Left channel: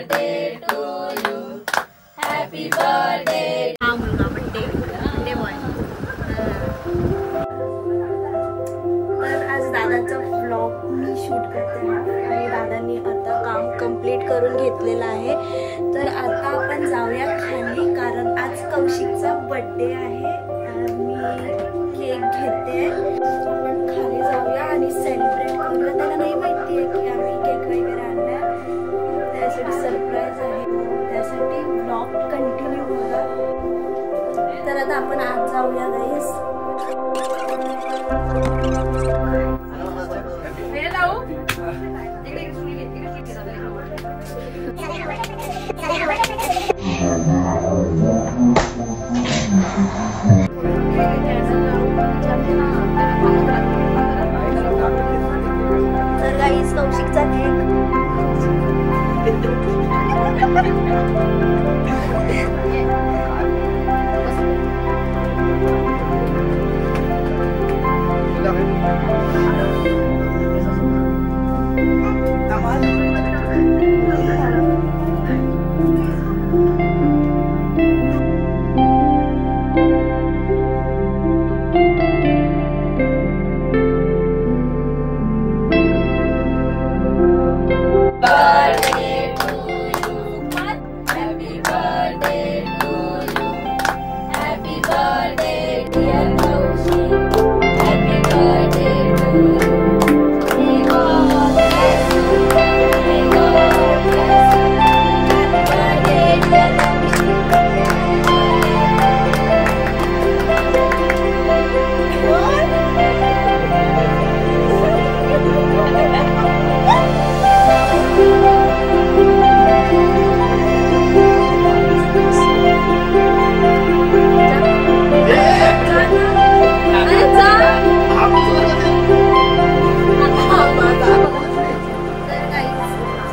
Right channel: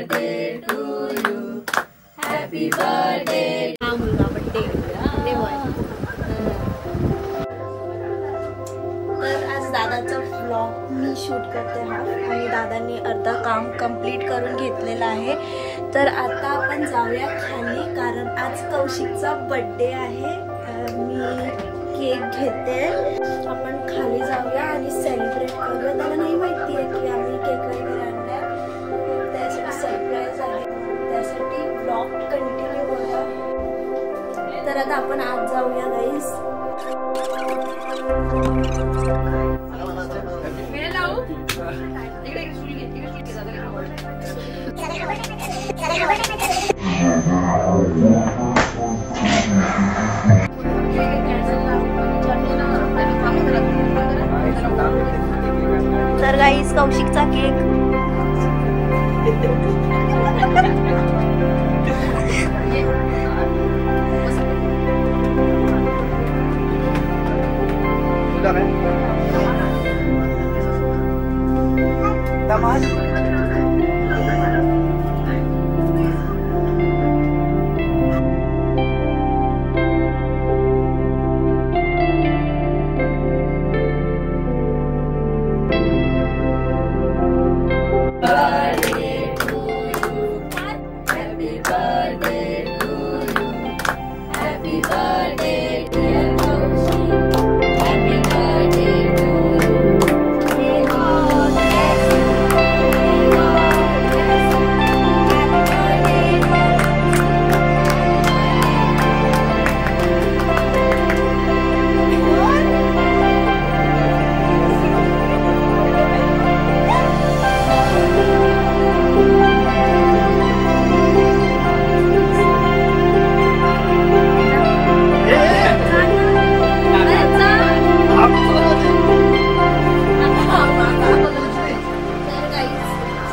birthday to you. Happy birthday. हा मुलगा birthday boy. तर आज दादाचा व्लॉग मी शूट करते हा आणि दादांनी अर्धा काम कंप्लीट करून घेतलेलं आहे. तर आता आपण जाऊया खाली कारण आज कौशिकचा बर्थडे आहे. मी केक घेते. आपण खाली जाऊया आणि सेलिब्रेट करूया. त्याला नाही माहिती आहे की आम्ही केक वगैरे आणलाय. त्यासाठी सरप्राईज आहे. त्यासाठी व्लॉग कंटिन्यू करा. तर आता आपण आज जाऊया गाईस. तर गाईस कौशिकचा केक.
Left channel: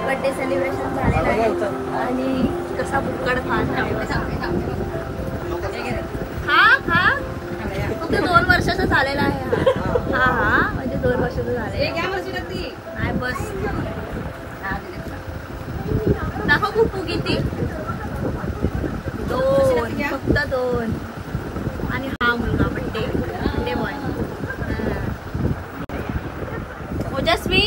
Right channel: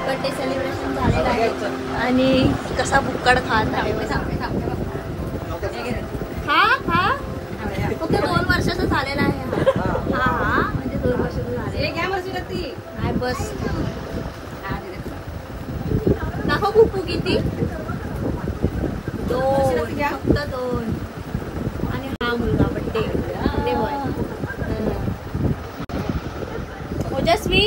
बर्थडे सेलिब्रेशन झालेलं आहे आणि कसा बुक्कड खात आहे. हा हा फक्त 2 वर्षाचा झालेला आहे. हा हा म्हणजे 2 वर्षाचं झाले. नाही बस दाखव पुप्पू किती. 2 फक्त 2. आणि हा मुलगा बर्थडे बॉय. ओजस्वी